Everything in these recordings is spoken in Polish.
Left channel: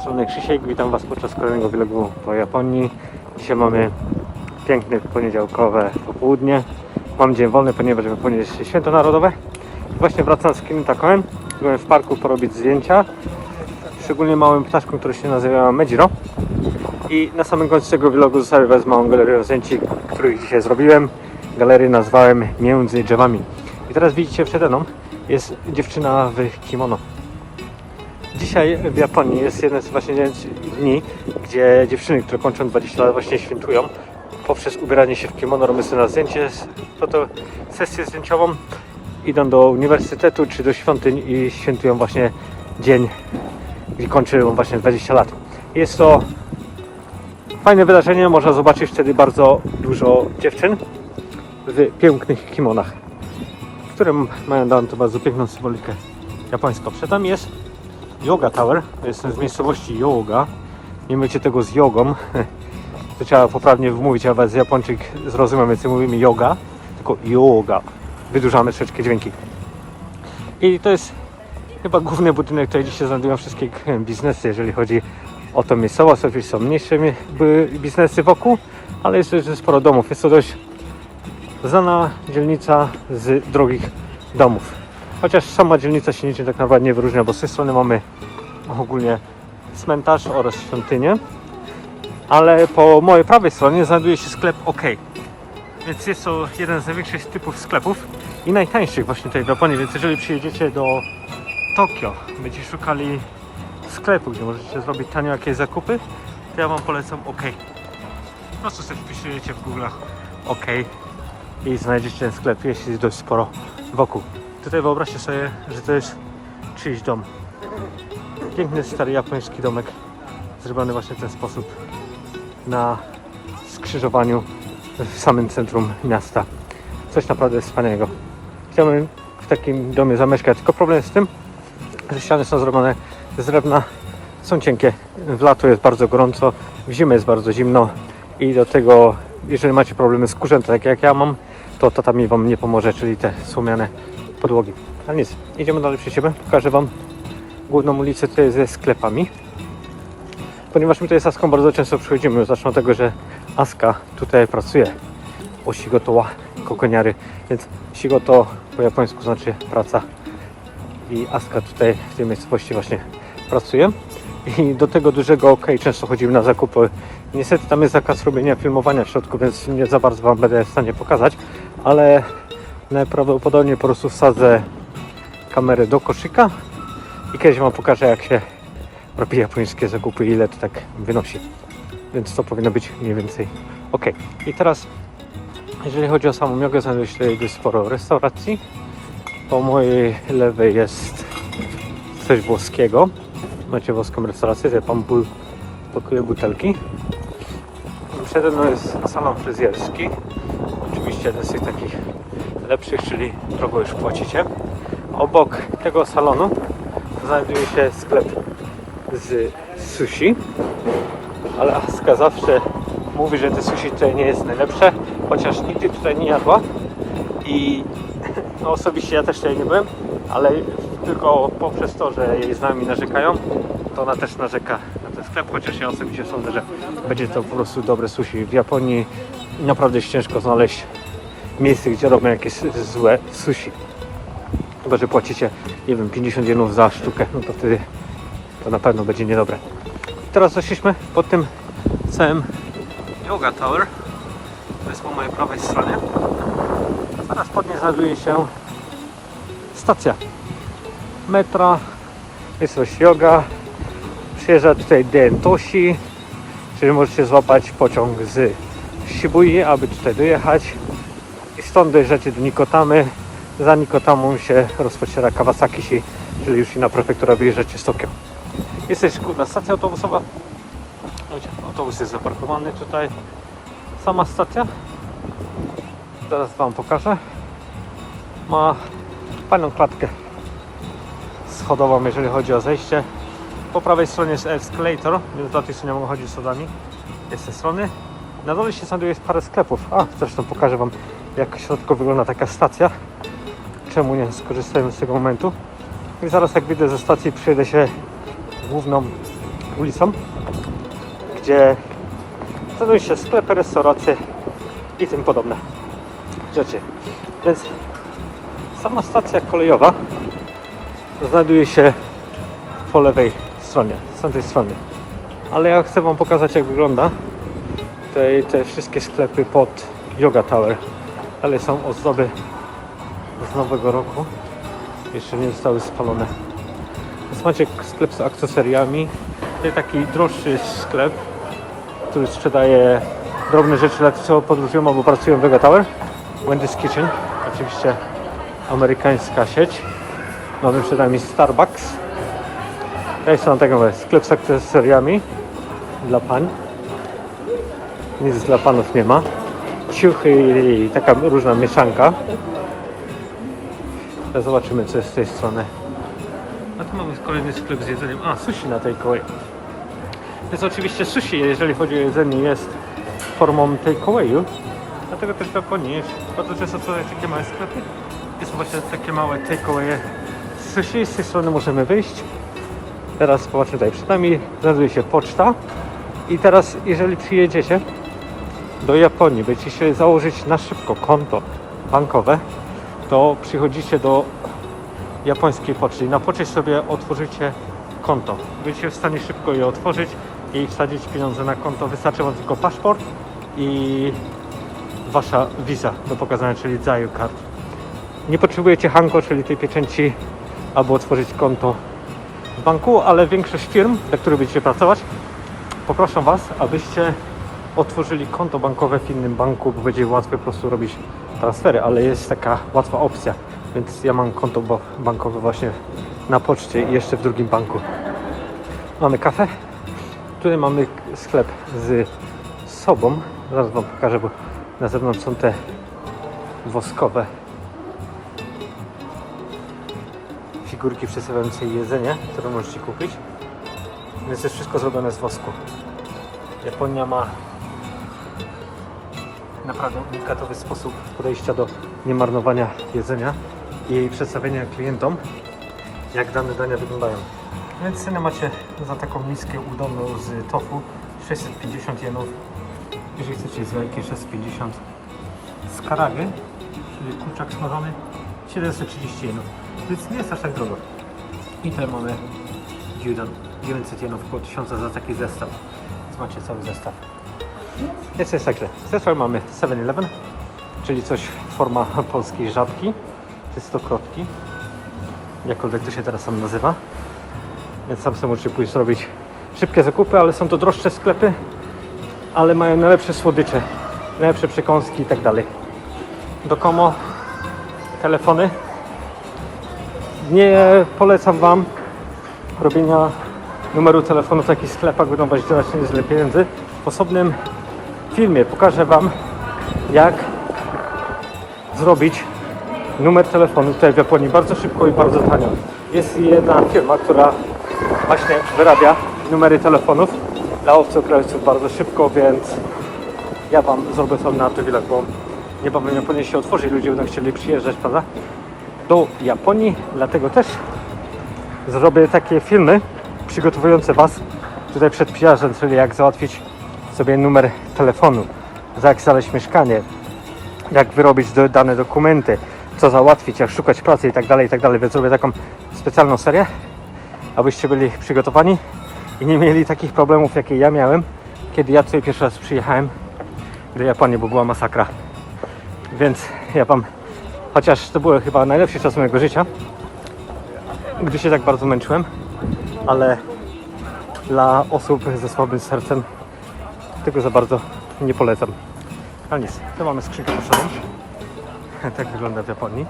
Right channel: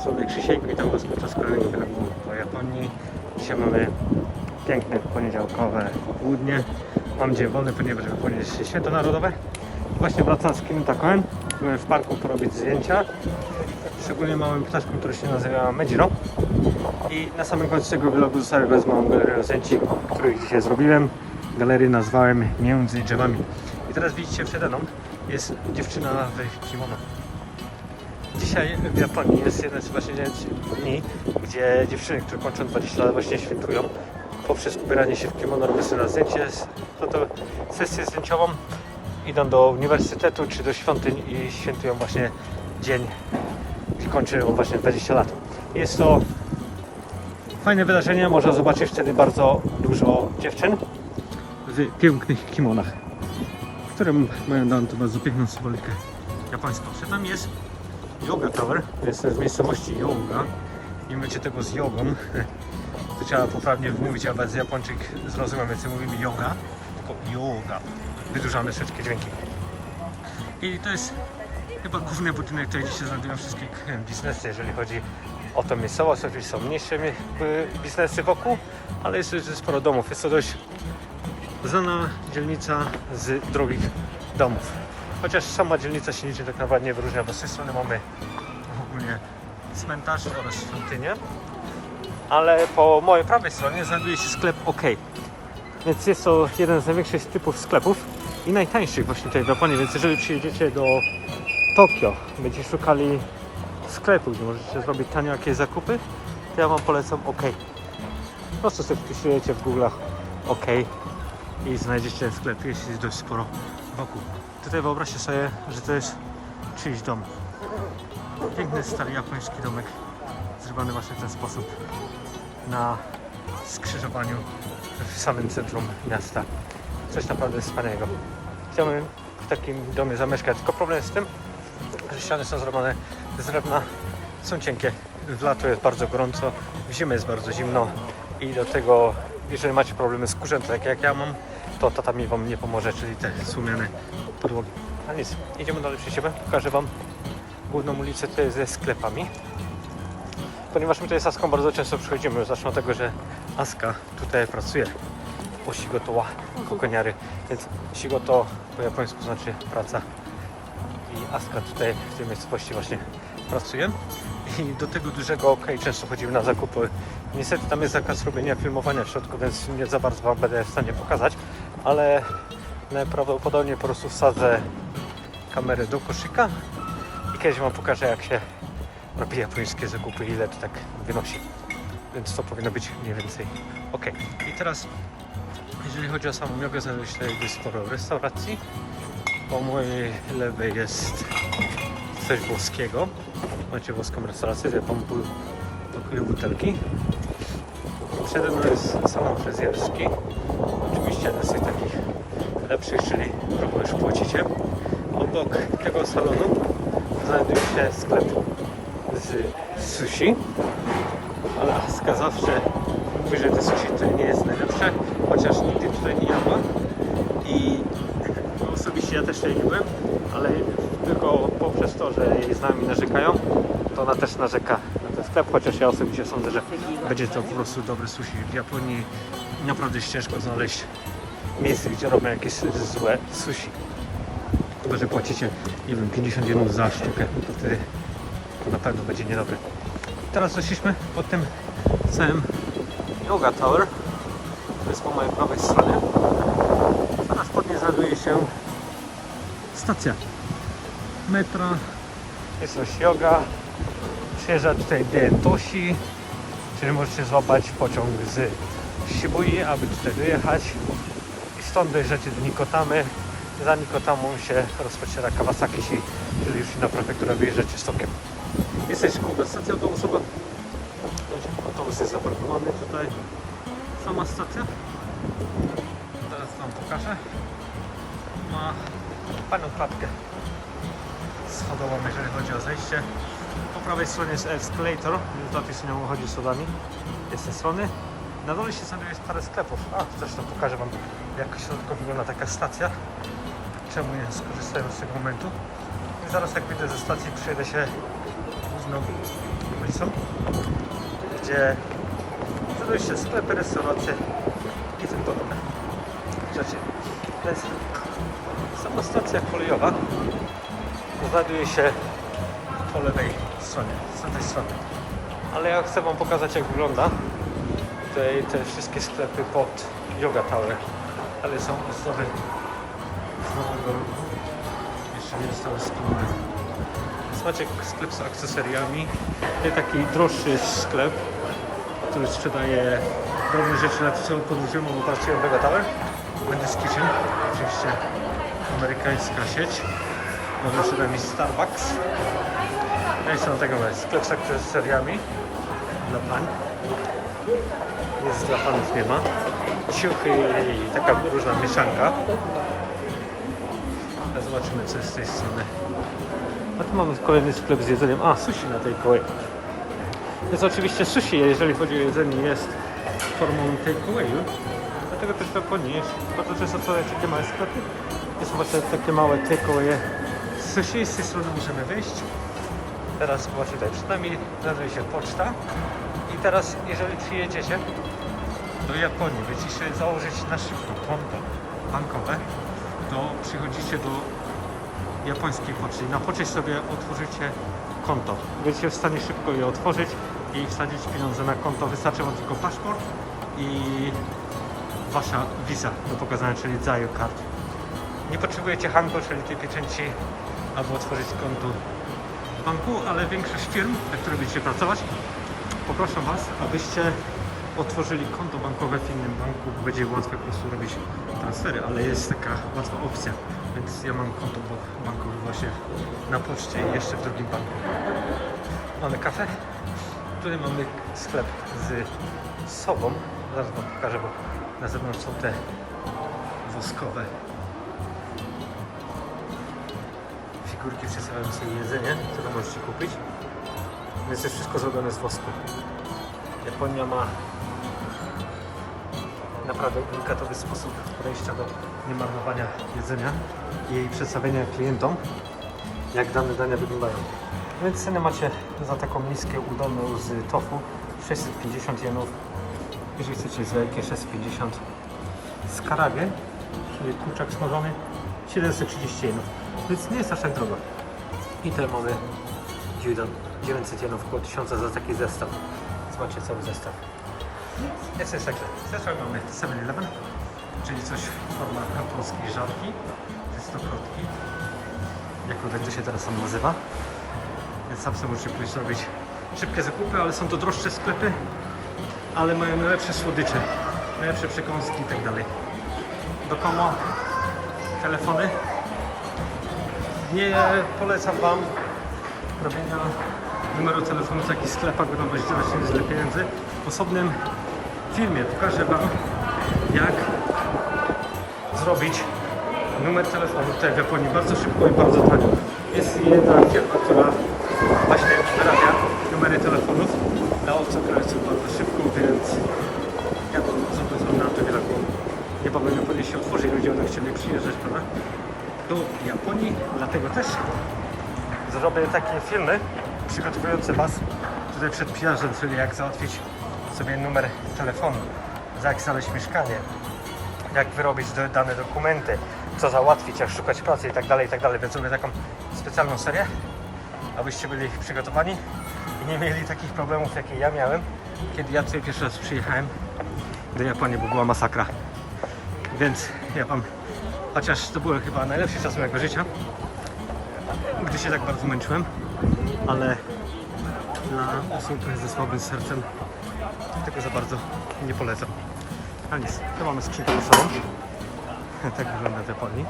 strony Krzysiek, witam Was podczas kolejnego vlogu po Japonii. Dzisiaj mamy piękne poniedziałkowe popołudnie. Mam dzień wolny, ponieważ ponieść święto narodowe. Właśnie wracam z Kintakoem. Byłem w parku porobić zdjęcia. Szczególnie małym ptaszkiem, który się nazywa Medzino. I na samym końcu tego vlogu zostawię Was małą galerię zdjęć, których dzisiaj zrobiłem. Galerię nazwałem Między drzewami. I teraz widzicie przede mną jest dziewczyna w kimono. Dzisiaj w Japonii jest jeden z właśnie dni, gdzie dziewczyny, które kończą 20 lat właśnie świętują poprzez ubieranie się w kimono, robią sobie na zdjęcie, to to sesję zdjęciową, idą do uniwersytetu czy do świątyń i świętują właśnie dzień, gdzie kończą właśnie 20 lat. Jest to fajne wydarzenie, można zobaczyć wtedy bardzo dużo dziewczyn w pięknych kimonach, które mają to bardzo piękną symbolikę japońską. Przed nami jest Yoga Tower. Jestem z miejscowości Yoga. Nie mycie tego z jogą. To trzeba poprawnie wymówić, a z Japończyk zrozumiem, więc mówimy yoga, tylko yoga. Wydłużamy troszeczkę dźwięki. I to jest chyba główny budynek, tutaj dzisiaj znajdują wszystkie biznesy, jeżeli chodzi o tą miejscowość. Oczywiście są mniejsze biznesy wokół, ale jest też sporo domów. Jest to dość znana dzielnica z drogich domów. Chociaż sama dzielnica się niczym tak naprawdę nie wyróżnia, bo z tej strony mamy ogólnie cmentarz oraz świątynię, ale po mojej prawej stronie znajduje się sklep OK. Więc jest to jeden z największych typów sklepów i najtańszych właśnie tutaj w Japonii, więc jeżeli przyjedziecie do Tokio, będziecie szukali sklepu, gdzie możecie zrobić tanio jakieś zakupy, to ja Wam polecam OK. Po prostu sobie wpisujecie w Google'ach OK i znajdziecie ten sklep, jest ich dość sporo wokół. Tutaj wyobraźcie sobie, że to jest czyjś dom. Piękny, stary japoński domek, zrobiony właśnie w ten sposób na skrzyżowaniu w samym centrum miasta. Coś naprawdę wspaniałego. Chciałbym w takim domie zamieszkać, tylko problem jest z tym, że ściany są zrobione z drewna, są cienkie. W lato jest bardzo gorąco, w zimę jest bardzo zimno i do tego, jeżeli macie problemy z kurzem, tak jak ja mam, to tatami Wam nie pomoże, czyli te słomiane podłogi. A nic, idziemy dalej przy siebie, pokażę Wam główną ulicę tutaj ze sklepami. Ponieważ my tutaj z Aską bardzo często przychodzimy, zacznę od tego, że Aska tutaj pracuje u Shigoto wa Kokoniary, więc Shigoto po japońsku znaczy praca i Aska tutaj w tej miejscowości właśnie pracuje. I do tego dużego OK często chodzimy na zakupy. Niestety tam jest zakaz robienia filmowania w środku, więc nie za bardzo Wam będę w stanie pokazać, ale najprawdopodobniej po prostu wsadzę kamerę do koszyka i kiedyś Wam pokażę jak się robi japońskie zakupy, ile to tak wynosi. Więc to powinno być mniej więcej ok. I teraz, jeżeli chodzi o samą jogę, znajduje się dość sporo restauracji. Po mojej lewej jest coś włoskiego. Macie włoską restaurację, ja tam bu- pakuję butelki. Przede mną jest salon fryzjerski. Oczywiście tych takich lepszych, czyli kogo już płacicie. Obok tego salonu znajduje się sklep z sushi. Ale Aska zawsze mówi, że te sushi tutaj nie jest najlepsze, chociaż nigdy tutaj nie jadła. I no osobiście ja też tutaj nie byłem, ale tylko poprzez to, że jej znajomi narzekają, to ona też narzeka na ten sklep, chociaż ja osobiście sądzę, że będzie to po prostu dobre sushi. W Japonii naprawdę jest ciężko znaleźć miejsce, gdzie robią jakieś złe sushi. Chyba, że płacicie, nie wiem, 50 jenów za sztukę, no to wtedy to na pewno będzie niedobre. Teraz doszliśmy pod tym całym Yoga Tower. To jest po mojej prawej stronie. Zaraz pod niej znajduje się stacja metra. Jest coś yoga. Przyjeżdża tutaj Dentoshi, czyli możecie złapać pociąg z Shibui, aby tutaj dojechać. I stąd dojeżdżacie do Nikotamy. Za Nikotamą się rozpoczyna Kawasaki, czyli już inna prefektura wyjeżdżacie z Tokio. Jest też kurwa stacja autobusowa. Autobus jest zaparkowany tutaj. Sama stacja. Zaraz Wam pokażę. Ma fajną klatkę schodową, jeżeli chodzi o zejście. Po prawej stronie jest escalator, więc dla tych, co nie mogą chodzić schodami. Jest z tej strony. Na dole się znajduje parę sklepów. A, zresztą pokażę Wam, jak w środku wygląda taka stacja. Czemu nie skorzystajmy z tego momentu. I zaraz jak wyjdę ze stacji, przyjedę się główną ulicą, gdzie znajdują się sklepy, restauracje i tym podobne rzeczy. Więc sama stacja kolejowa znajduje się po lewej stronie, z tamtej strony. Ale ja chcę Wam pokazać jak wygląda te, te wszystkie sklepy pod Yoga Tower. Ale są ozdoby z nowego roku. Jeszcze nie zostały spalone. Więc macie sklep z akcesoriami. To taki droższy sklep, który sprzedaje drobne rzeczy dla tych, co podróżują albo pracują w Yoga Tower. Wendy's Kitchen, oczywiście amerykańska sieć. Przed nami Starbucks. Tutaj są tego sklep z akcesoriami dla pań. Nic dla panów nie ma. Ciuchy i taka różna mieszanka. Ale Zobaczymy co jest z tej strony. A tu mamy kolejny sklep z jedzeniem. A, sushi na tej kolei. Więc oczywiście sushi, jeżeli chodzi o jedzenie, jest formą takeawayu. Dlatego też w Japonii jest bardzo często są takie małe sklepy. Jest właśnie takie małe takeawaye sushi. Z tej strony możemy wyjść. Teraz właśnie tutaj przed nami znajduje się poczta. I teraz, jeżeli przyjedziecie do Japonii, będziecie sobie założyć na szybko konto bankowe, to przychodzicie do japońskiej poczty na poczcie sobie otworzycie konto. Będziecie w stanie szybko je otworzyć i wsadzić pieniądze na konto. Wystarczy Wam tylko paszport i Wasza wiza do pokazania, czyli Zayu Card. Nie potrzebujecie Hanko, czyli tej pieczęci, aby otworzyć konto w banku, ale większość firm, dla których będziecie pracować, poproszę Was, abyście otworzyli konto bankowe w innym banku, bo będzie łatwiej po prostu robić transfery, ale jest taka łatwa opcja. Więc ja mam konto bankowe właśnie na poczcie i jeszcze w drugim banku. Mamy kafę. Tutaj mamy sklep z sobą. Zaraz Wam pokażę, bo na zewnątrz są te woskowe figurki przedstawiające jedzenie, które możecie kupić. Więc jest wszystko zrobione z wosku. Japonia ma naprawdę unikatowy sposób podejścia do niemarnowania jedzenia i przedstawienia klientom, jak dane dania wyglądają. Więc ceny macie za taką miskę udonu z tofu 650 jenów. Jeżeli chcecie z wielkie 650 z karawy, czyli kurczak smażony 730 jenów. Więc nie jest aż tak drogo. I tutaj mamy gyudon 900 jenów, około 1000 za taki zestaw. Więc macie cały zestaw. Jest jest takie. Zresztą mamy 7-Eleven, czyli coś forma polskiej żabki. To jest to krotki. Jakkolwiek to się teraz tam nazywa. Więc sam sobie możecie pójść zrobić szybkie zakupy, ale są to droższe sklepy, ale mają najlepsze słodycze, najlepsze przekąski i tak dalej. Dokomo telefony. Nie polecam Wam robienia numeru telefonu w takich sklepach, będą Was zdawać niezłe pieniędzy. W osobnym filmie pokażę Wam, jak zrobić numer telefonu tutaj w Japonii bardzo szybko i bardzo tanio. Jest jedna firma, która właśnie wyrabia numery telefonów dla obcokrajowców bardzo szybko, więc ja Wam zrobię tam na przywilej, bo niebawem Japonia się otworzy i ludzie będą chcieli przyjeżdżać, prawda? Do Japonii, dlatego też zrobię takie filmy przygotowujące Was tutaj przed przyjazdem, czyli jak załatwić sobie numer telefonu, jak znaleźć mieszkanie, jak wyrobić do, dane dokumenty, co załatwić, jak szukać pracy i tak dalej, i tak dalej. Więc zrobię taką specjalną serię, abyście byli przygotowani i nie mieli takich problemów, jakie ja miałem, kiedy ja tutaj pierwszy raz przyjechałem do Japonii, bo była masakra. Więc ja Wam, chociaż to były chyba najlepszy czas mojego życia, gdy się tak bardzo męczyłem, ale dla osób ze słabym sercem tego za bardzo nie polecam. Ale nic, tu mamy skrzynkę pocztową. tak wygląda w Japonii.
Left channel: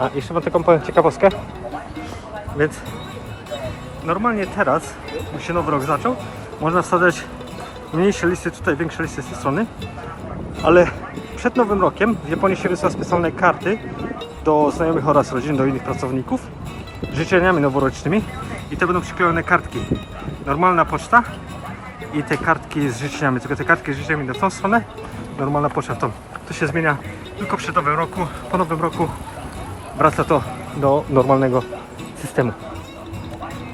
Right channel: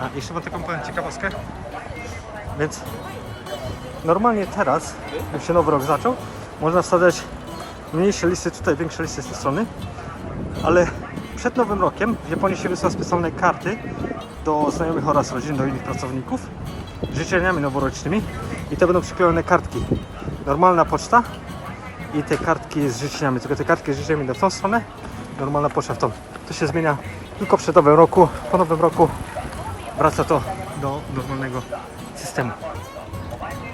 A jeszcze mam taką powiem ciekawostkę. Więc normalnie teraz, jak się nowy rok zaczął, można wsadzać mniejsze listy tutaj, większe listy z tej strony. Ale przed nowym rokiem w Japonii się wysyła specjalne karty do znajomych oraz rodzin, do innych pracowników życzeniami noworocznymi i te będą przyklejone kartki. Normalna poczta i te kartki z życzeniami. Tylko te kartki z życzeniami idą w tą stronę, normalna poczta w tą. To się zmienia tylko przed nowym roku. Po nowym roku wraca to do normalnego systemu.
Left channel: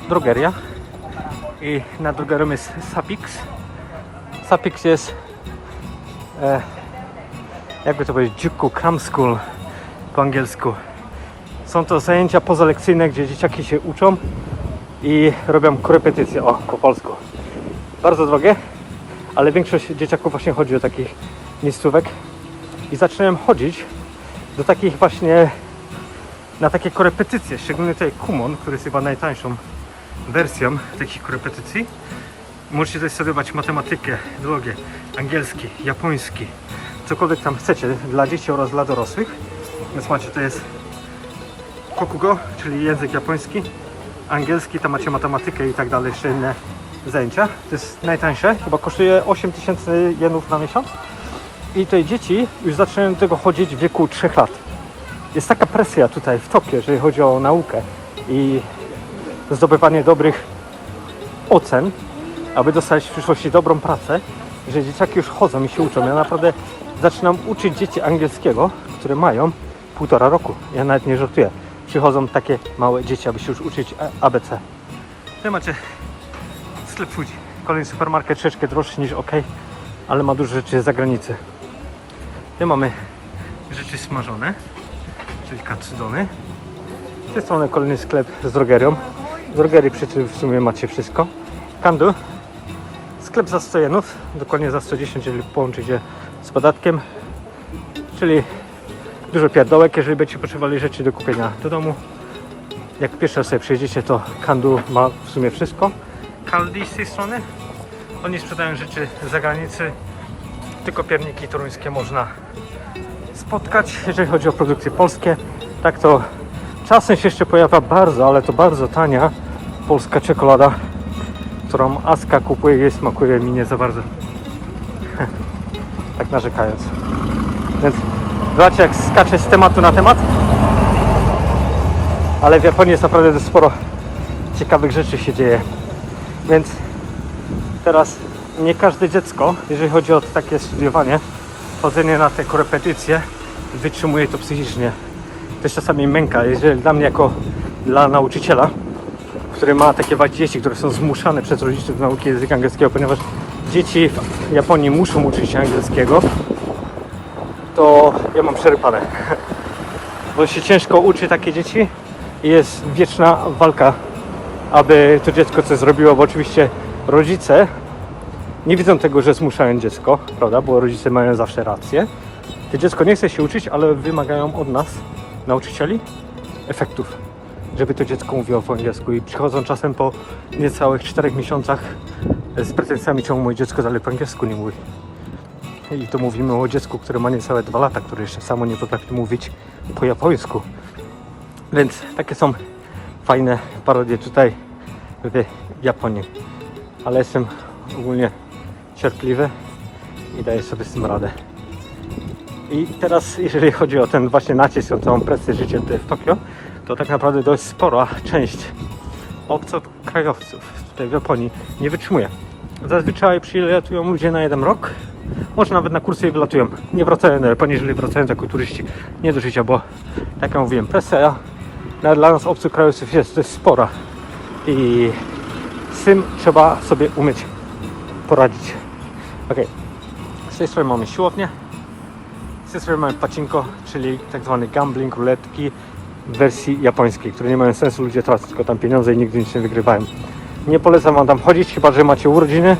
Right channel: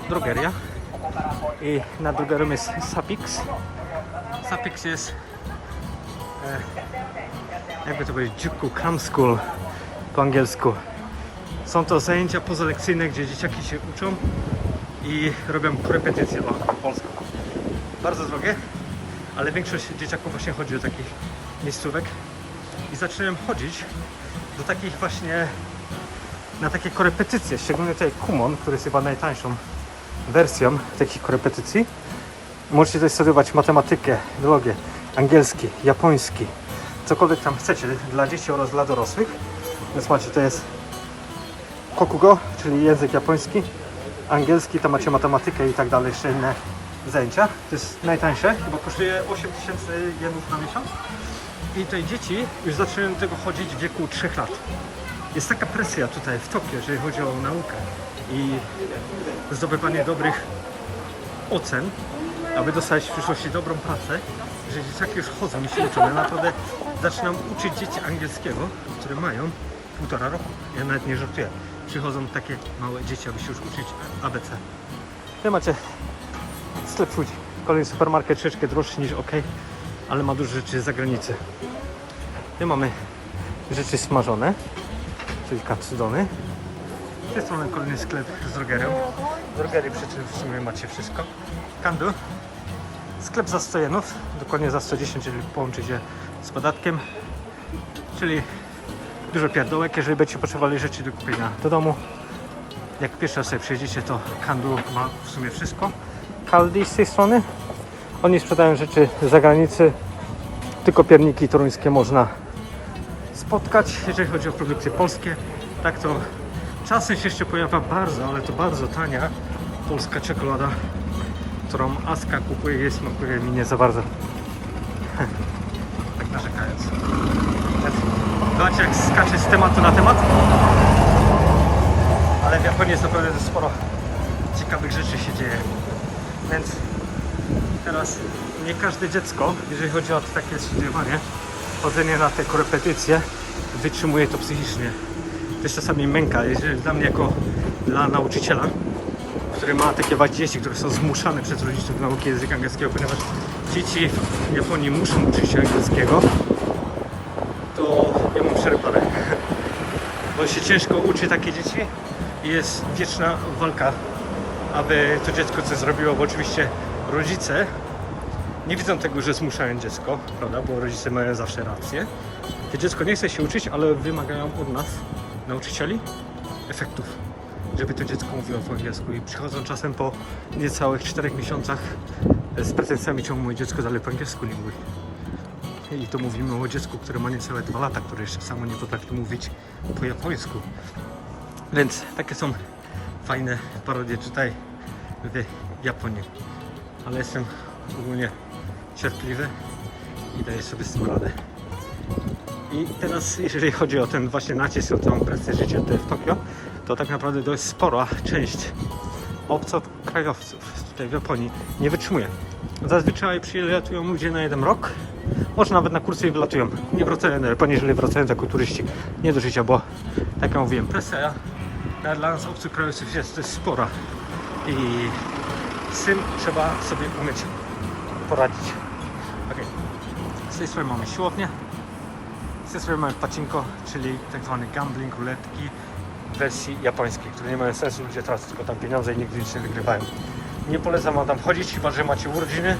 Drogeria. I na drugim jest Sapix. Sapix jest e, jakby to powiedzieć, Juku Cram School po angielsku. Są to zajęcia pozalekcyjne, gdzie dzieciaki się uczą i robią korepetycje, o, po polsku. Bardzo drogie, ale większość dzieciaków właśnie chodzi do takich miejscówek i zacząłem chodzić do takich właśnie na takie korepetycje, szczególnie tutaj Kumon, który jest chyba najtańszą wersją takich korepetycji. Możecie tutaj studiować matematykę, biologię, angielski, japoński, cokolwiek tam chcecie dla dzieci oraz dla dorosłych. Więc macie, to jest Kokugo, czyli język japoński, angielski, tam macie matematykę i tak dalej, jeszcze inne zajęcia. To jest najtańsze, chyba kosztuje 8000 jenów na miesiąc. I te dzieci już zaczynają do tego chodzić w wieku 3 lat. Jest taka presja tutaj w topie, jeżeli chodzi o naukę i zdobywanie dobrych ocen, aby dostać w przyszłości dobrą pracę, że dzieciaki już chodzą i się uczą. Ja naprawdę zaczynam uczyć dzieci angielskiego, które mają półtora roku. Ja nawet nie żartuję. Przychodzą takie małe dzieci, aby się już uczyć ABC. Tutaj macie Kolejny supermarket, troszeczkę droższy niż OK, ale ma dużo rzeczy z zagranicy. Tutaj mamy rzeczy smażone, czyli katsudony. Z tej strony kolejny sklep z drogerią. W drogerii przecież w sumie macie wszystko. Kandu. Sklep za 100 jenów, dokładnie za 110, jeżeli połączycie z podatkiem. Czyli dużo pierdołek, jeżeli będziecie potrzebowali rzeczy do kupienia do domu. Jak pierwszy raz sobie przejdziecie, to Kandu ma w sumie wszystko. Kaldi z tej strony. Oni sprzedają rzeczy z zagranicy. Tylko pierniki toruńskie można spotkać, jeżeli chodzi o produkcje polskie. Tak to czasem się jeszcze pojawia bardzo, ale to bardzo tania polska czekolada, którą Aska kupuje, jej smakuje mi nie za bardzo. tak narzekając. Więc zobaczcie jak skacze z tematu na temat. Ale w Japonii jest naprawdę sporo ciekawych rzeczy się dzieje. Więc teraz nie każde dziecko, jeżeli chodzi o takie studiowanie, chodzenie na te korepetycje, wytrzymuje to psychicznie. To jest czasami męka, jeżeli dla mnie jako dla nauczyciela, który ma takie właśnie dzieci, które są zmuszane przez rodziców do nauki języka angielskiego, ponieważ dzieci w Japonii muszą uczyć się angielskiego, to ja mam przerypane. Bo się ciężko uczy takie dzieci i jest wieczna walka, aby to dziecko coś zrobiło, bo oczywiście rodzice nie widzą tego, że zmuszają dziecko, prawda, bo rodzice mają zawsze rację. To dziecko nie chce się uczyć, ale wymagają od nas, nauczycieli, efektów, żeby to dziecko mówiło po angielsku i przychodzą czasem po niecałych 4 miesiącach z pretensjami, czemu moje dziecko dalej po angielsku nie mówi. I to mówimy o dziecku, które ma niecałe 2 lata, które jeszcze samo nie potrafi mówić po japońsku. Więc takie są fajne parodie tutaj w Japonii. Ale jestem ogólnie cierpliwy i daję sobie z tym radę. I teraz, jeżeli chodzi o ten właśnie nacisk, o tą presję życia tutaj w Tokio, to tak naprawdę dość spora część obcokrajowców tutaj w Japonii nie wytrzymuje. Zazwyczaj przylatują ludzie na jeden rok, może nawet na kursy i wylatują. Nie wracają do Japonii, jeżeli wracają jako turyści. Nie do życia, bo tak jak mówiłem, presja nawet dla nas obcokrajowców jest dość spora i z tym trzeba sobie umieć poradzić. Ok, z tej strony mamy siłownię, z tej strony mamy pacinko, czyli tak zwany gambling, ruletki w wersji japońskiej, które nie mają sensu, ludzie tracą tylko tam pieniądze i nigdy nic nie wygrywają. Nie polecam wam tam chodzić, chyba że macie urodziny,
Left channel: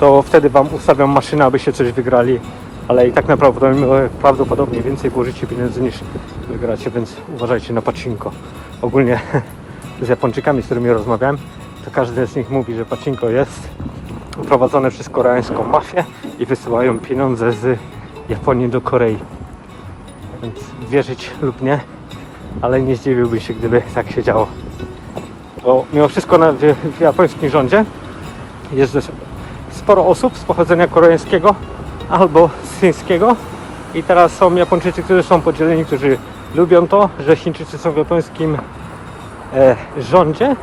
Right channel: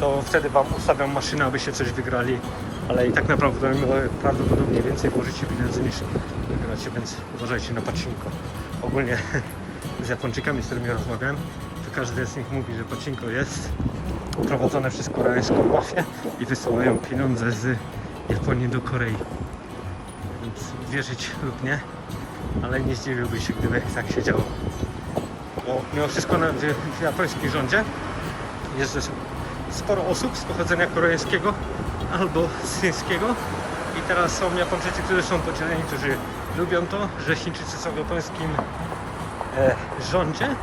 to wtedy wam ustawią maszynę, abyście coś wygrali, ale i tak naprawdę prawdopodobnie więcej włożycie pieniędzy niż wygracie, więc uważajcie na pacinko. Ogólnie z Japończykami, z którymi rozmawiałem, to każdy z nich mówi, że pacinko jest prowadzone przez koreańską mafię i wysyłają pieniądze z Japonii do Korei. Więc wierzyć lub nie, ale nie zdziwiłbym się, gdyby tak się działo. Bo mimo wszystko na, w, japońskim rządzie jest sporo osób z pochodzenia koreańskiego albo z chińskiego i teraz są Japończycy, którzy są podzieleni, którzy lubią to, że Chińczycy są w japońskim e, rządzie,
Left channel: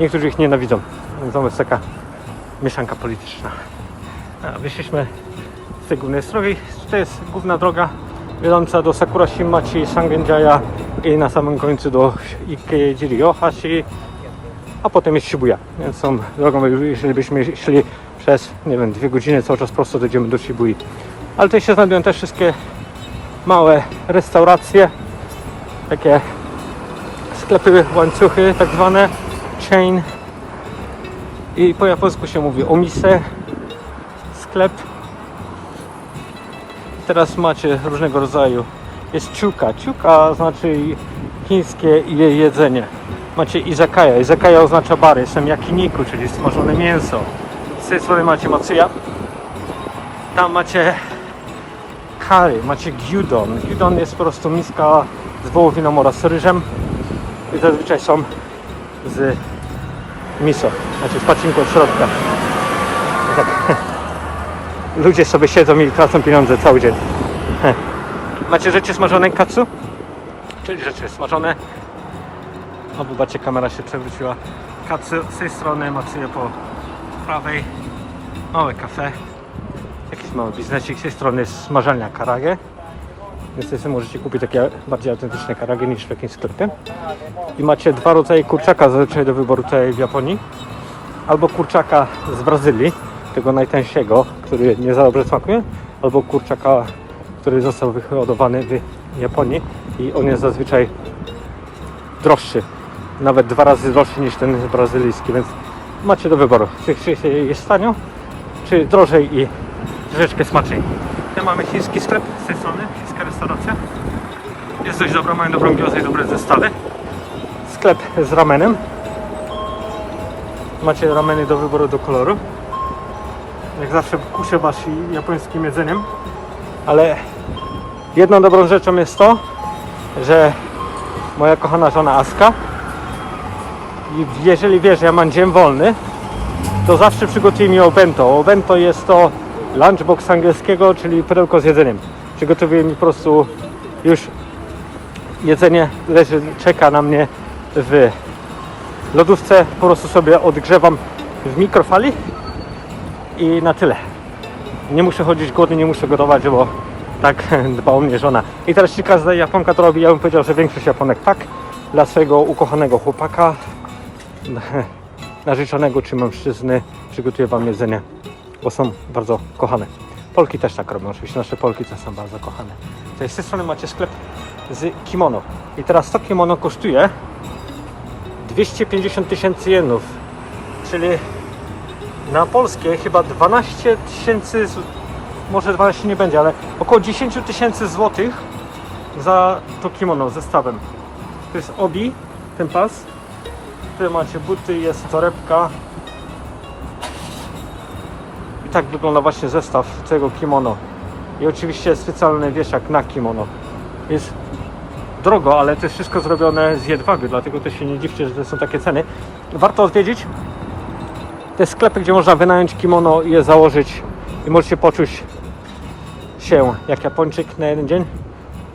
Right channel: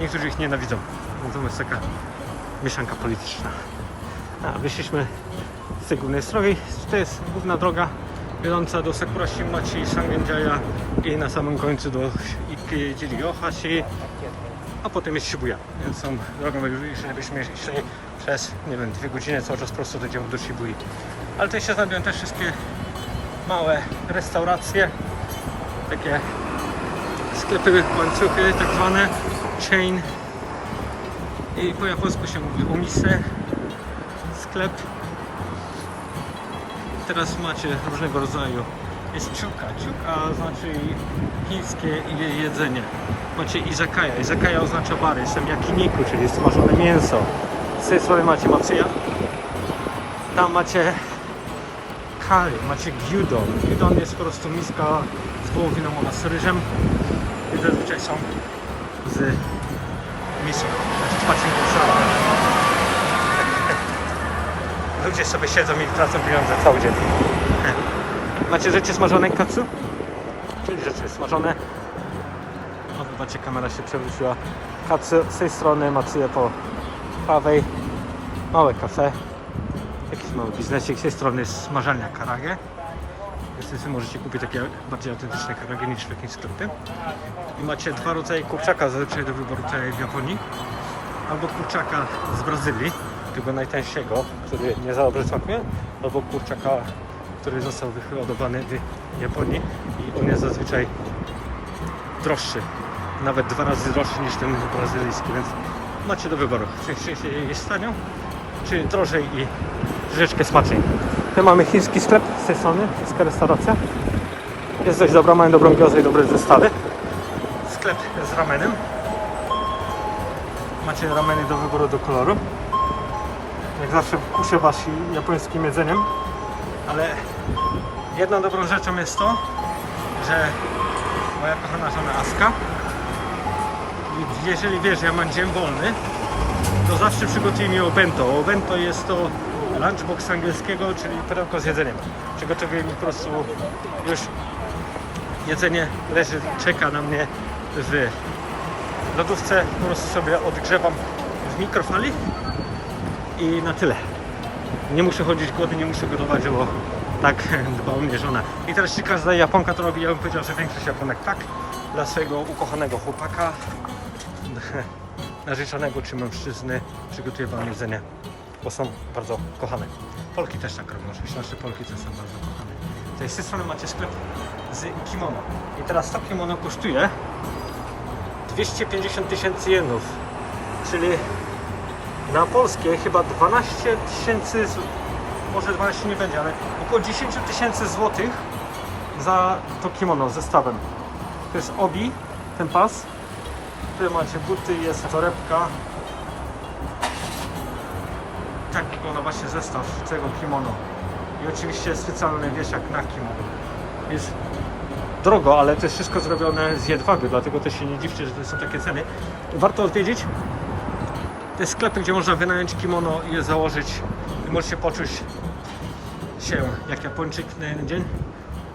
niektórzy ich nienawidzą. Więc to jest taka mieszanka polityczna. A, wyszliśmy z tej głównej drogi. To jest główna droga wiodąca do Sakura Shimachi, Sangenjaya i na samym końcu do Ikejiri Ohashi. a potem jest Shibuya. Więc są drogą, jeżeli byśmy szli przez, nie wiem, dwie godziny cały czas prosto dojdziemy do Shibui. Ale tu się znajdują też wszystkie małe restauracje, takie sklepy, łańcuchy tak zwane, chain i po japońsku się mówi omise, sklep. Teraz macie różnego rodzaju. Jest ciuka. Ciuka znaczy chińskie je- jedzenie. Macie izakaya. Izakaya oznacza bar. Jest tam yakiniku, czyli smażone mięso. Z tej strony macie matsuya. Tam macie curry, macie gyudon. Gyudon jest po prostu miska z wołowiną oraz ryżem. I zazwyczaj są z miso, jakieś pacinką w. Ludzie sobie siedzą i tracą pieniądze cały dzień. Macie rzeczy smażone katsu? Czyli rzeczy smażone. O, wybaczcie, kamera się przewróciła. Katsu z tej strony, Matsuya po prawej. Małe kafe. Jakiś mały biznesik. Z tej strony jest smażalnia karage. Niestety możecie kupić takie bardziej autentyczne karage niż w takim sklepie. I macie dwa rodzaje kurczaka zazwyczaj do wyboru tutaj w Japonii. Albo kurczaka z Brazylii, tego najtańszego, który nie za dobrze smakuje, albo kurczaka, który został wyhodowany w Japonii i on jest zazwyczaj droższy. Nawet dwa razy droższy niż ten brazylijski, więc macie do wyboru. Czy, czy jest tanio, czy drożej i troszeczkę smaczniej. Tu mamy chiński sklep z tej strony, chińska restauracja. Jest dość dobra, mają dobrą giozę i dobre zestawy. Sklep z ramenem. Macie rameny do wyboru do koloru. Jak zawsze kuszę was japońskim jedzeniem. Ale jedną dobrą rzeczą jest to, że moja kochana żona Aska, jeżeli wie, że ja mam dzień wolny, to zawsze przygotuje mi obento. Obento jest to lunchbox angielskiego, czyli pudełko z jedzeniem. Przygotowuje mi po prostu już jedzenie, leży, czeka na mnie w lodówce. Po prostu sobie odgrzewam w mikrofali i na tyle. Nie muszę chodzić głodny, nie muszę gotować, bo tak dba o mnie żona. I teraz czy każda Japonka to robi, ja bym powiedział, że większość Japonek tak. Dla swojego ukochanego chłopaka, narzeczonego czy mężczyzny przygotuje wam jedzenie, bo są bardzo kochane. Polki też tak robią, oczywiście nasze Polki też są bardzo kochane. Tutaj z tej strony macie sklep z kimono. I teraz to kimono kosztuje 250 tysięcy jenów, czyli na polskie chyba 12 tysięcy, może 12 nie będzie, ale około 10 tysięcy złotych za to kimono zestawem. To jest obi, ten pas. Tu macie buty, jest torebka. Tak wygląda właśnie zestaw tego kimono. I oczywiście specjalny wieszak na kimono. Jest drogo, ale to jest wszystko zrobione z jedwabiu, dlatego też się nie dziwcie, że to są takie ceny. Warto odwiedzić te sklepy, gdzie można wynająć kimono i je założyć i możecie poczuć się jak Japończyk na jeden dzień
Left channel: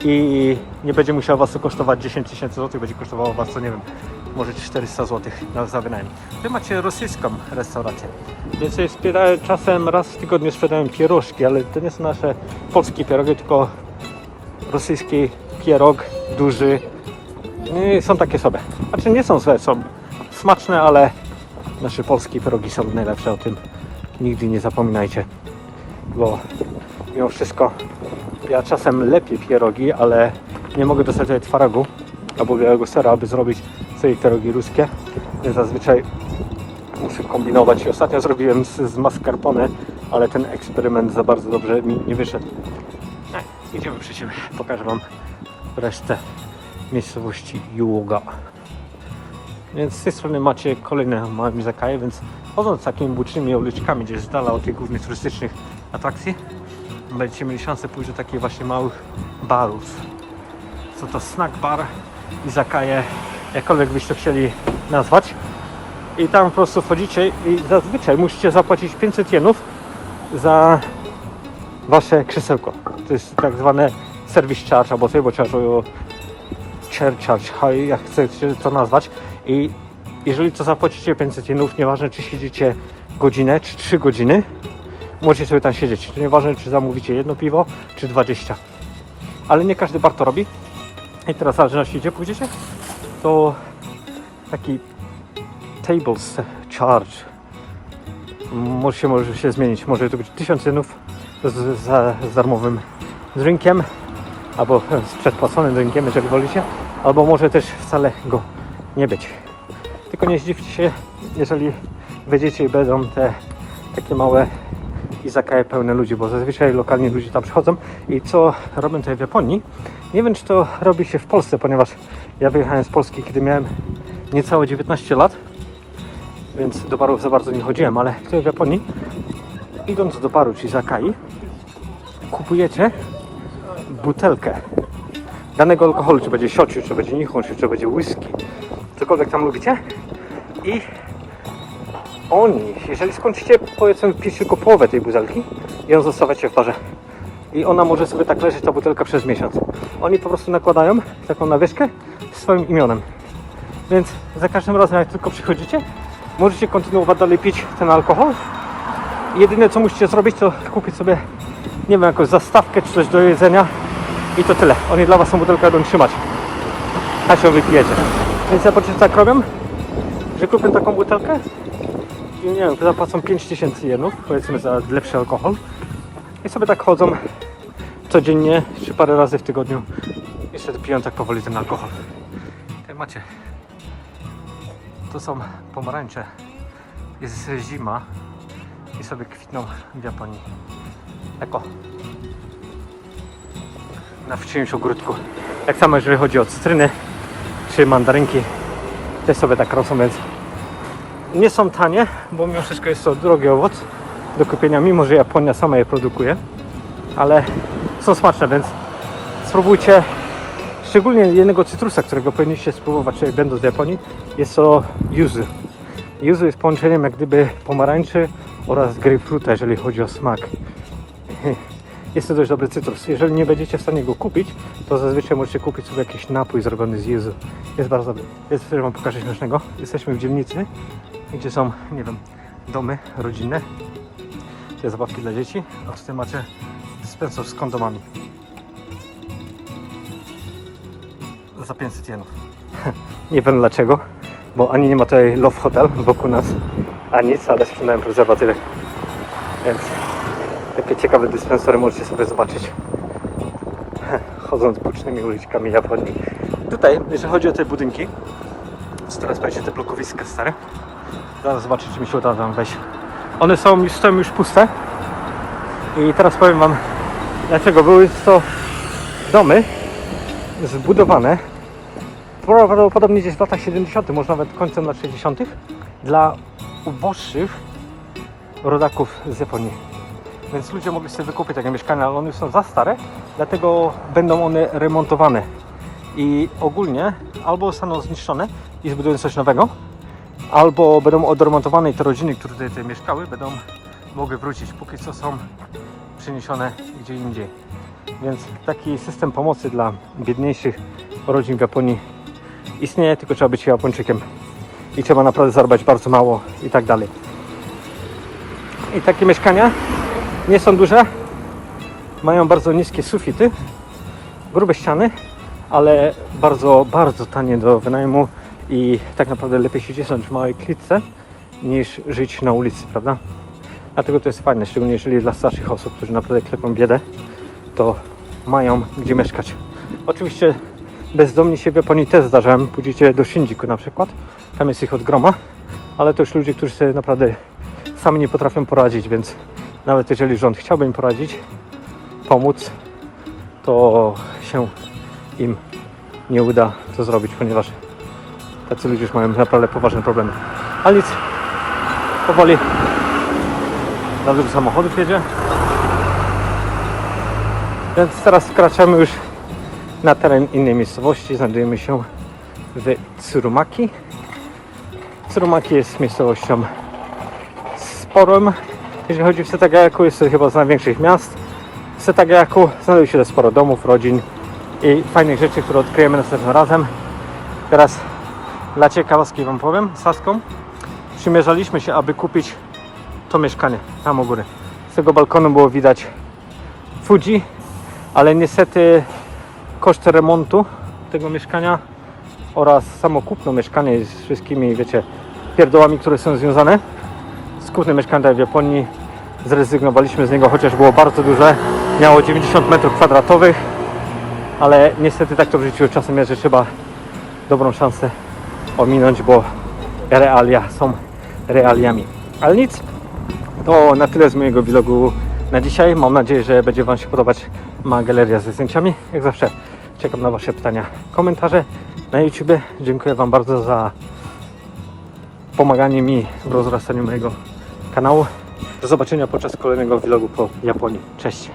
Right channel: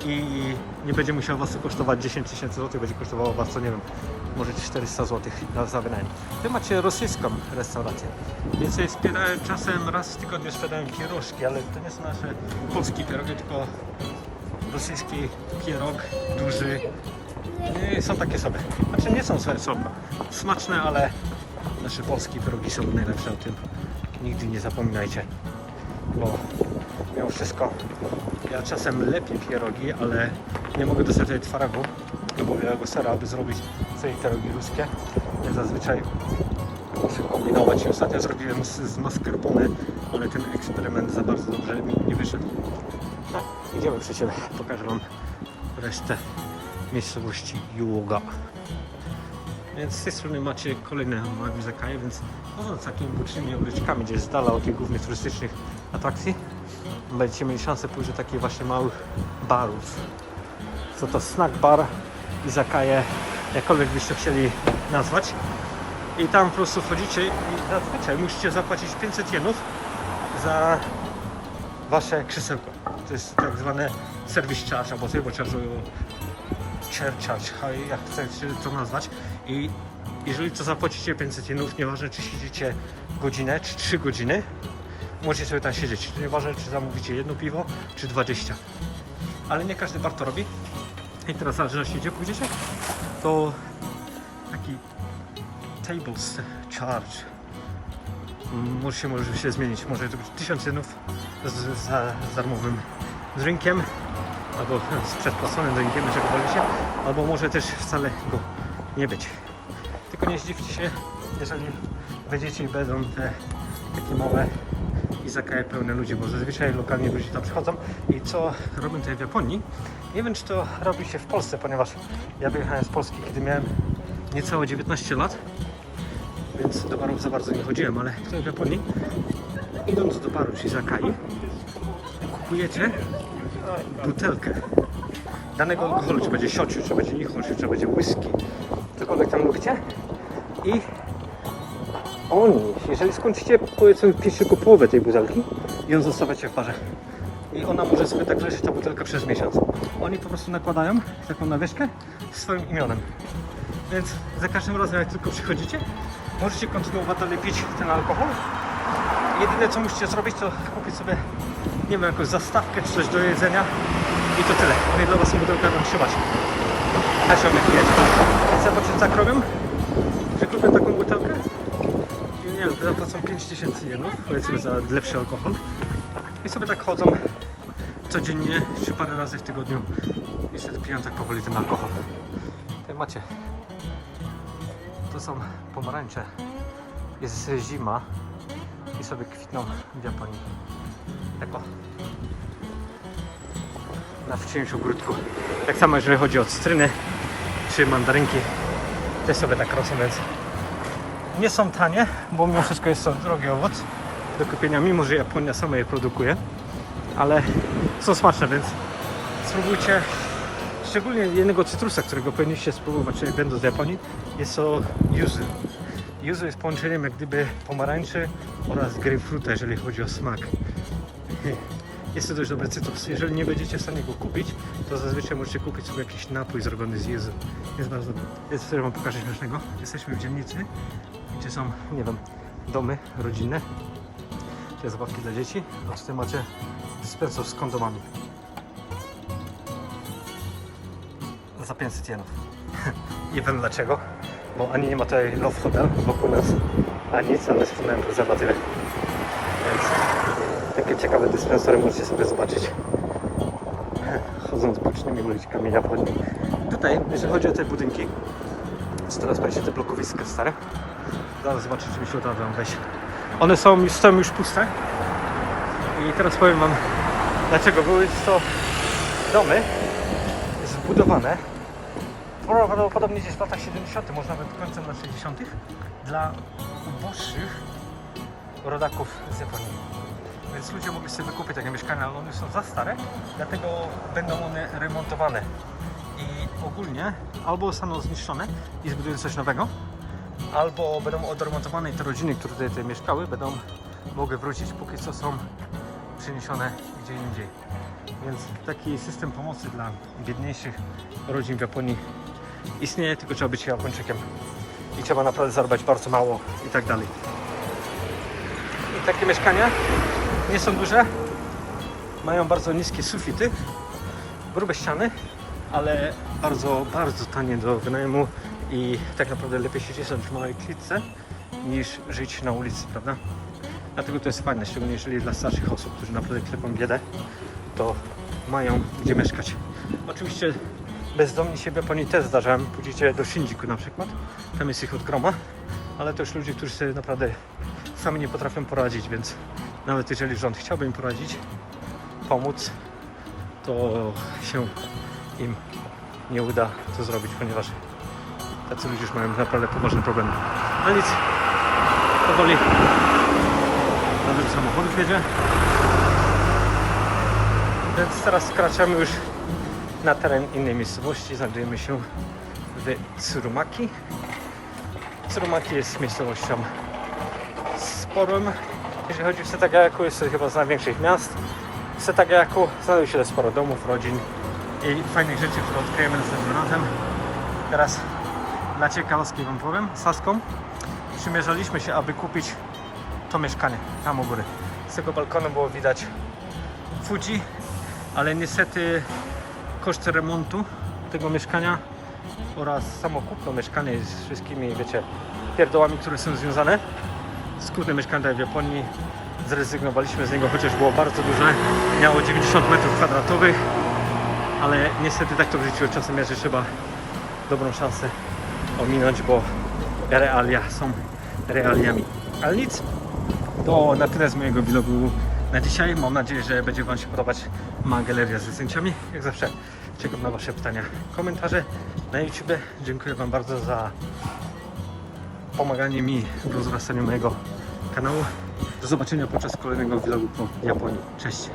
i nie będzie musiało Was to kosztować 10 tysięcy złotych, będzie kosztowało Was, co nie wiem, może 400 złotych na za wynajem. Wy macie rosyjską restaurację, więc sprzedają, czasem raz w tygodniu sprzedają pierożki, ale to nie są nasze polskie pierogi, tylko rosyjski pierog, duży. Są takie sobie. Znaczy nie są złe, są smaczne, ale nasze polskie pierogi są najlepsze, o tym nigdy nie zapominajcie. Bo mimo wszystko ja czasem lepiej pierogi, ale nie mogę dostać tutaj twarogu albo białego sera, aby zrobić sobie pierogi ruskie. Zazwyczaj muszę kombinować. Ostatnio zrobiłem z, z mascarpone, ale ten eksperyment za bardzo dobrze mi nie wyszedł. E, idziemy przy siebie. Pokażę Wam resztę miejscowości Yuga. Więc z tej strony macie kolejne małe zakaje, więc chodząc takimi bocznymi uliczkami, gdzieś z dala od tych głównych turystycznych atrakcji, będziecie mieli szansę pójść do takich właśnie małych barów. Co to snack bar, izakaje, jakkolwiek byście chcieli nazwać. I tam po prostu wchodzicie i zazwyczaj musicie zapłacić 500 jenów za wasze krzesełko. To jest tak zwane service charge albo turbo charge, albo share charge, ha- jak chcecie to nazwać. I jeżeli to zapłacicie 500 jenów, nieważne czy siedzicie godzinę czy 3 godziny, możecie sobie tam siedzieć. To nieważne czy zamówicie jedno piwo czy 20. Ale nie każdy bar to robi. I teraz w zależności gdzie pójdziecie, to taki tables charge. Może się, może się zmienić. Może to być 1000 jenów z, z, z darmowym drinkiem, albo z przedpłaconym drinkiem, jeżeli wolicie, albo może też wcale go nie być. Tylko nie zdziwcie się, jeżeli wejdziecie i będą te takie małe izakaje pełne ludzi, bo zazwyczaj lokalni ludzie tam przychodzą. I co robią tutaj w Japonii, nie wiem czy to robi się w Polsce, ponieważ ja wyjechałem z Polski, kiedy miałem niecałe 19 lat, więc do barów za bardzo nie chodziłem, ale tutaj w Japonii, idąc do baru czy zakai, kupujecie butelkę danego alkoholu, czy będzie shochu, czy będzie nihonshu, czy będzie whisky, cokolwiek tam lubicie i oni, jeżeli skończycie powiedzmy pić tylko połowę tej butelki i ją zostawiacie w barze i ona może sobie tak leżeć ta butelka przez miesiąc. Oni po prostu nakładają taką nawieszkę z swoim imionem. Więc za każdym razem jak tylko przychodzicie, możecie kontynuować dalej pić ten alkohol. Jedyne co musicie zrobić to kupić sobie, nie wiem, jakąś zastawkę czy coś do jedzenia i to tyle. Oni dla was tą butelkę będą trzymać. A się wypijecie. Więc ja po tak robię, że kupię taką butelkę nie wiem, zapłacą 5000 jenów, powiedzmy za lepszy alkohol. I sobie tak chodzą codziennie, czy parę razy w tygodniu i wtedy piją tak powoli ten alkohol. Jak macie, to są pomarańcze. Jest zima i sobie kwitną w Japonii. Eko. Na wczyimś ogródku. Tak samo jeżeli chodzi o cytryny czy mandarynki, też sobie tak rosną, więc nie są tanie, bo mimo wszystko jest to drogi owoc do kupienia, mimo że Japonia sama je produkuje, ale są smaczne, więc spróbujcie szczególnie jednego cytrusa, którego powinniście spróbować będąc w Japonii, jest to yuzu. Yuzu jest połączeniem jak gdyby pomarańczy oraz grapefruita, jeżeli chodzi o smak. Jest to dość dobry cytrus. Jeżeli nie będziecie w stanie go kupić, to zazwyczaj możecie kupić sobie jakiś napój zrobiony z yuzu. Jest bardzo dobry. Jest, wam pokażę śmiesznego. Jesteśmy w dzielnicy, gdzie są, nie wiem, domy rodzinne, gdzie zabawki dla dzieci, a tutaj macie dyspensor z kondomami. Za 500 jenów. nie wiem dlaczego, bo ani nie ma tutaj Love Hotel wokół nas, a nic, ale sprzedałem prezerwatywy. Więc takie ciekawe dyspensory możecie sobie zobaczyć. Chodząc bocznymi uliczkami Japonii. Tutaj, jeżeli chodzi o te budynki, to teraz będzie te blokowiska stare. Zaraz zobaczę, czy mi się uda wam wejść. One są już puste. I teraz powiem wam, dlaczego były to domy zbudowane prawdopodobnie gdzieś w latach 70., może nawet końcem lat 60. dla uboższych rodaków z Japonii. Więc ludzie mogli sobie wykupić takie mieszkania, ale one są za stare, dlatego będą one remontowane. I ogólnie albo zostaną zniszczone i zbudują coś nowego, albo będą odremontowane te rodziny, które tutaj, tutaj mieszkały, będą mogły wrócić. Póki co są przeniesione gdzie indziej. Więc taki system pomocy dla biedniejszych rodzin w Japonii istnieje, tylko trzeba być Japończykiem. I trzeba naprawdę zarabiać bardzo mało i tak dalej. I takie mieszkania nie są duże, mają bardzo niskie sufity, grube ściany, ale bardzo, bardzo tanie do wynajmu i tak naprawdę lepiej się cisnąć w małej klitce niż żyć na ulicy, prawda? Dlatego to jest fajne, szczególnie jeżeli dla starszych osób, którzy naprawdę cierpią biedę, to mają gdzie mieszkać. Oczywiście bezdomni się w Japonii też zdarzają, pójdziecie do Shinjuku na przykład, tam jest ich od groma, ale to już ludzie, którzy sobie naprawdę sami nie potrafią poradzić, więc nawet jeżeli rząd chciałby im poradzić, pomóc, to się im nie uda to zrobić, ponieważ ludzie już mają naprawdę poważne problemy. Ale nic, powoli nawet do samochodów jedzie. Więc teraz wkraczamy już na teren innej miejscowości. Znajdujemy się w Tsurumaki. Tsurumaki jest miejscowością sporą. Jeżeli chodzi o Setagayaku, jest to chyba z największych miast. W Setagayaku znajduje się sporo domów, rodzin i fajnych rzeczy, które odkryjemy następnym razem. Teraz dla ciekawostki Wam powiem, Saską przymierzaliśmy się, aby kupić to mieszkanie tam u góry. Z tego balkonu było widać Fuji, ale niestety koszt remontu tego mieszkania oraz samo kupno mieszkanie z wszystkimi, wiecie, pierdołami, które są związane z kupnem mieszkania w Japonii. Zrezygnowaliśmy z niego, chociaż było bardzo duże. Miało 90 metrów kwadratowych, ale niestety tak to w życiu czasem jest, że trzeba dobrą szansę ominąć, bo realia są realiami. Ale nic, to na tyle z mojego vlogu na dzisiaj. Mam nadzieję, że będzie Wam się podobać ma galeria ze zdjęciami. Jak zawsze czekam na Wasze pytania, komentarze na YouTube. Dziękuję Wam bardzo za pomaganie mi w rozrastaniu mojego kanału. Do zobaczenia podczas kolejnego vlogu po Japonii. Cześć!